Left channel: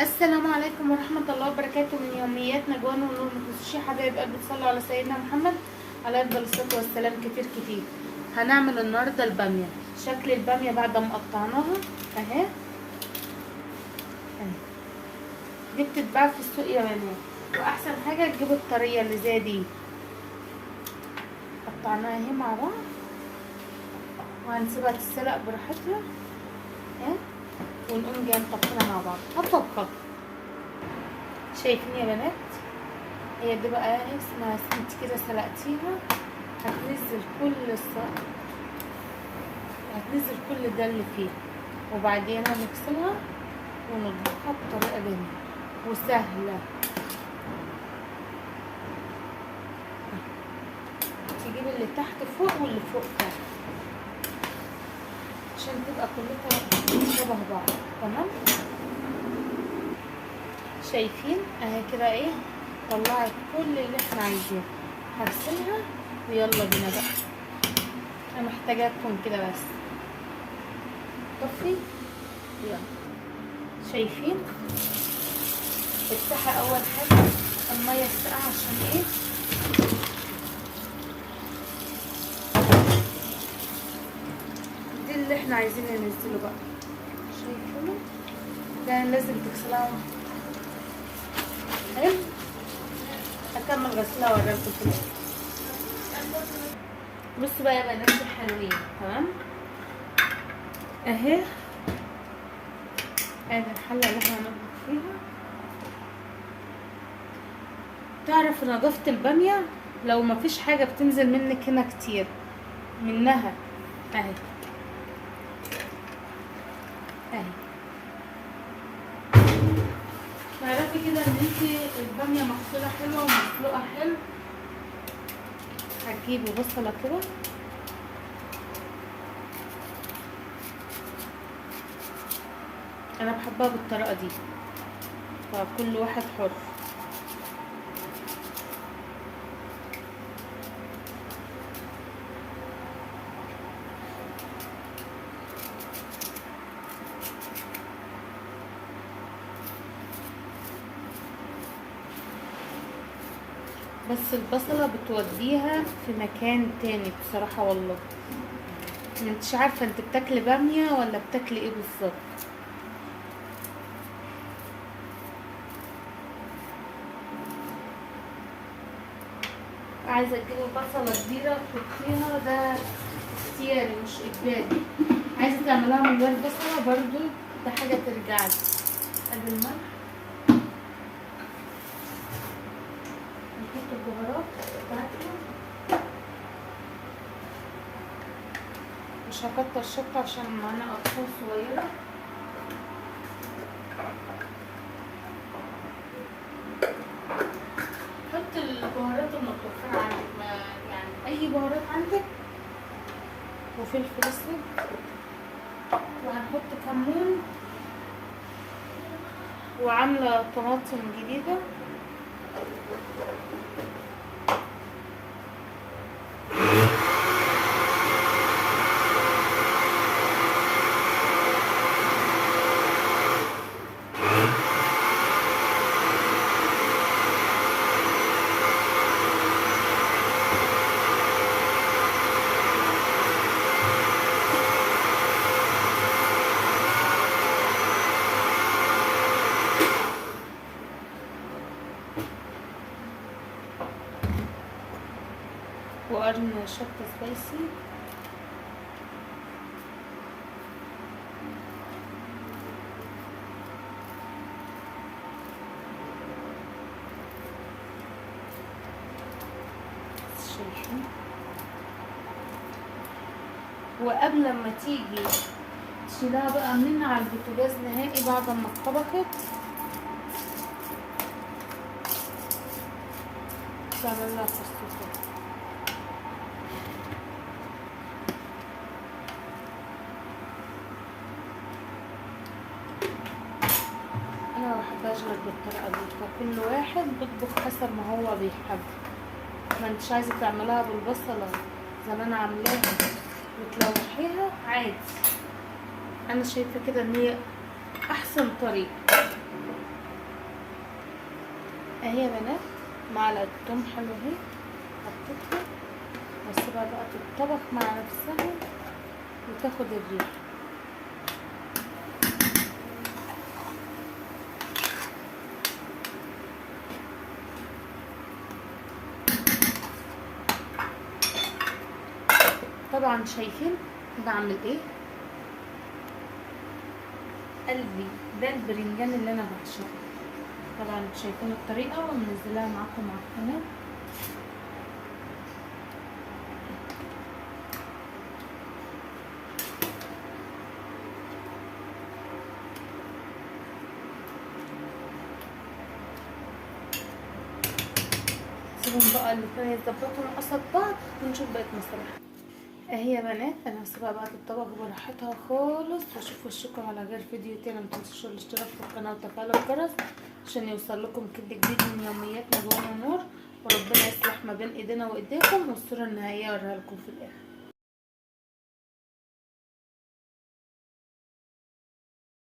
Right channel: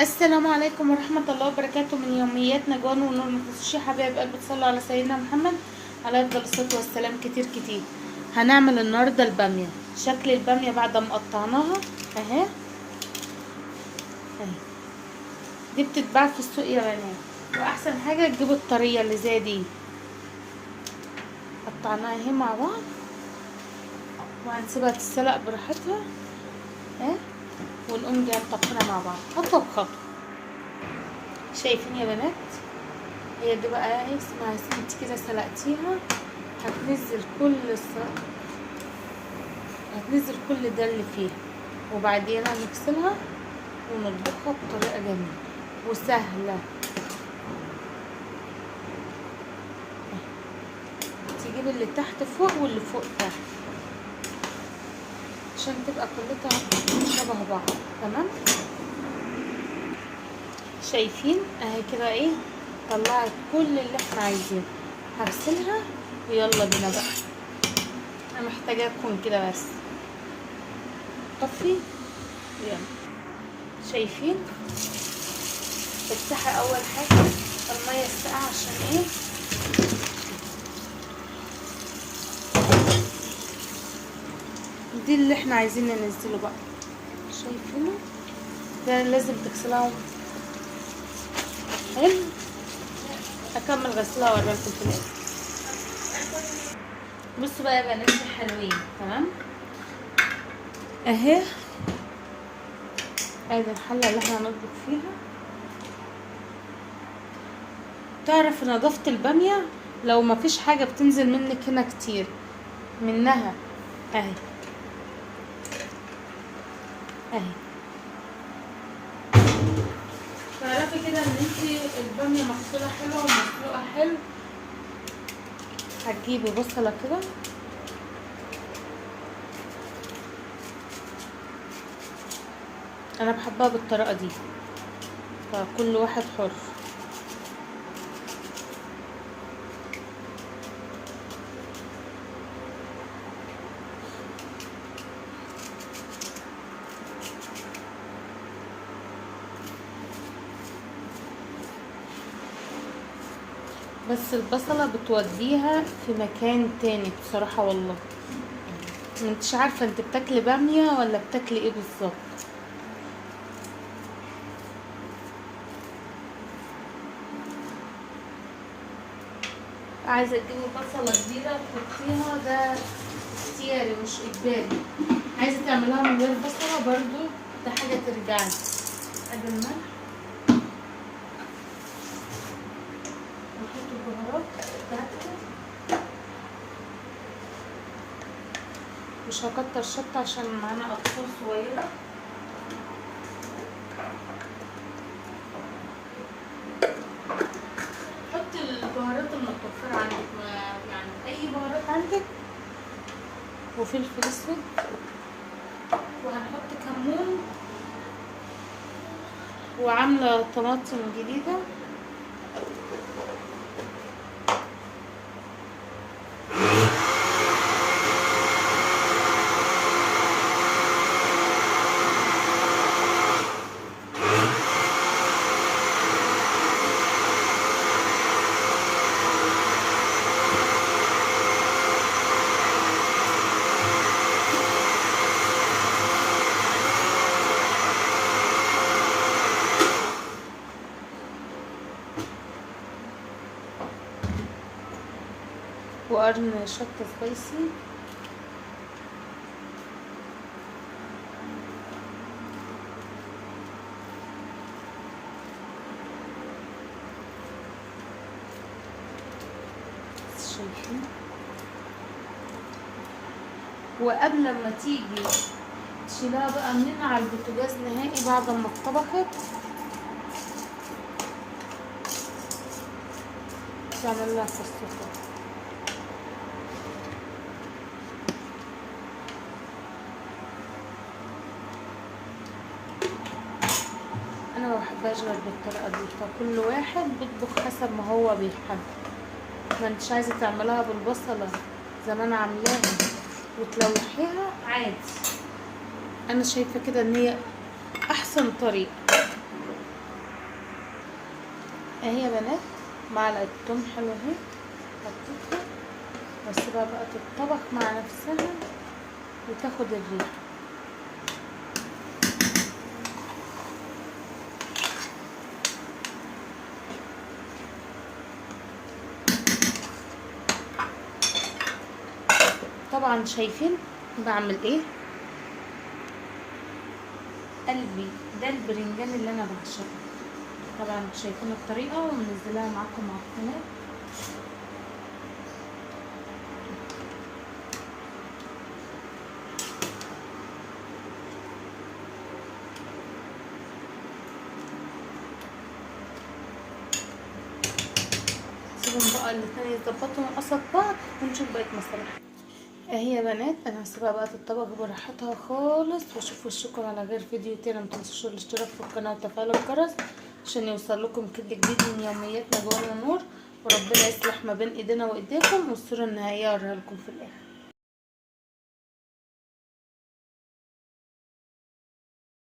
السلام عليكم ورحمة الله وبركاته. من يوميات نجوان ونور متوشي حبايب قلبي، تصلوا على سيدنا محمد عليه افضل الصلاة والسلام. كتير كتير هنعمل النهارده البامية. شكل البامية بعد ما قطعناها اهي اهي، دي بتتباع في السوق يا بنات، واحسن حاجة تجيبوا الطرية اللي زي دي. قطعناها اهي مع بعض وهنسيبها تتسلق براحتها اهي، ونقوم جايين مطبخينها مع بعض خطوة بخطوة. شايفين يا بنات؟ هي دي بقى اسمها انت كده سلقتيها، هتنزل كل ده اللي فيها، وبعدين هنغسلها ونطبخها بطريقه جميله وسهله. تجيب اللي تحت فوق واللي فوق تحت عشان تبقى كلها شبه بعض. تمام؟ شايفين اهي كده ايه، طلعت كل اللي احنا عايزينه. هغسلها ويلا بينا بقى. انا محتاجاكم كده بس طفي. يلا شايفين افتحي اول حاجه الميه الساقعه عشان ايه، دي اللي احنا عايزين ننزله بقى. شايفينه ده لازم تغسلها حلو. هكمل غسلها واوريكم في الاخر. بصوا بقى يا بنات حلوين. تمام اهي، ادي الحله اللي احنا هنطبخ فيها. تعرف نظافه الباميه لو ما فيش حاجه بتنزل منك هنا كتير منها اهي اهي، تعرفي كده ان انت الباميه مغسوله حلو ومسلوقه حلو. هتجيبي بصله كده انا بحبها بالطريقه دي، فكل واحد حر. بس البصله بتوديها في مكان تاني بصراحه والله. انتش عارفه انت بتاكلي باميه ولا بتاكلي ايه بالظبط. عايزه تجيبي بصله كبيره تحطيها، ده اختياري مش اجباري. عايزه تعملها من غير بصله برضو ده حاجه ترجعلي. ادي الملح، نحط البهارات بتاعتنا. مش هكتر شطه عشان معانا اطفال صغيره. حط البهارات المتوفره عندك، ما يعني اي بهارات عندك، وفلفل اسود، وهنحط كمون، وعامله طماطم جديده. وقرن شطه سبايسي. شايفين؟ وقبل ما تيجي تشيلها بقى من على البوتاجاز نهائي بعد ما اتطبخت، تعمل لها فستق. انا ما بحبهاش غير بالطريقه دي، فكل واحد بيطبخ حسب ما هو بيحب. ما انتش عايزه تعملها بالبصله زي ما انا عاملاها وتلوحيها عادي. انا شايفه كده ان هي احسن طريقه. اهي يا بنات معلقه توم حلوه اهي حطيتها، واسيبها بقى تتطبخ مع نفسها وتاخد الريحه. طبعا شايفين بعمل ايه؟ قلبي ده البرنجان اللي انا بعشقه. طبعا شايفين الطريقه ومنزلاها معاكم على القناه. سيبهم بقى الاتنين يتظبطوا مع بعض ونشوف بقية مصالحهم. اهي يا بنات انا هسيبها بقى تتطبخ براحتها خالص، واشوف وشكم على غير فيديو تاني. متنسوش الاشتراك في القناه وتفعيل الجرس عشان يوصلكم كل جديد من يومياتنا جوانا نور. وربنا يصلح ما بين ايدينا وايديكم، والصوره النهائيه اوريها لكم في الاخر.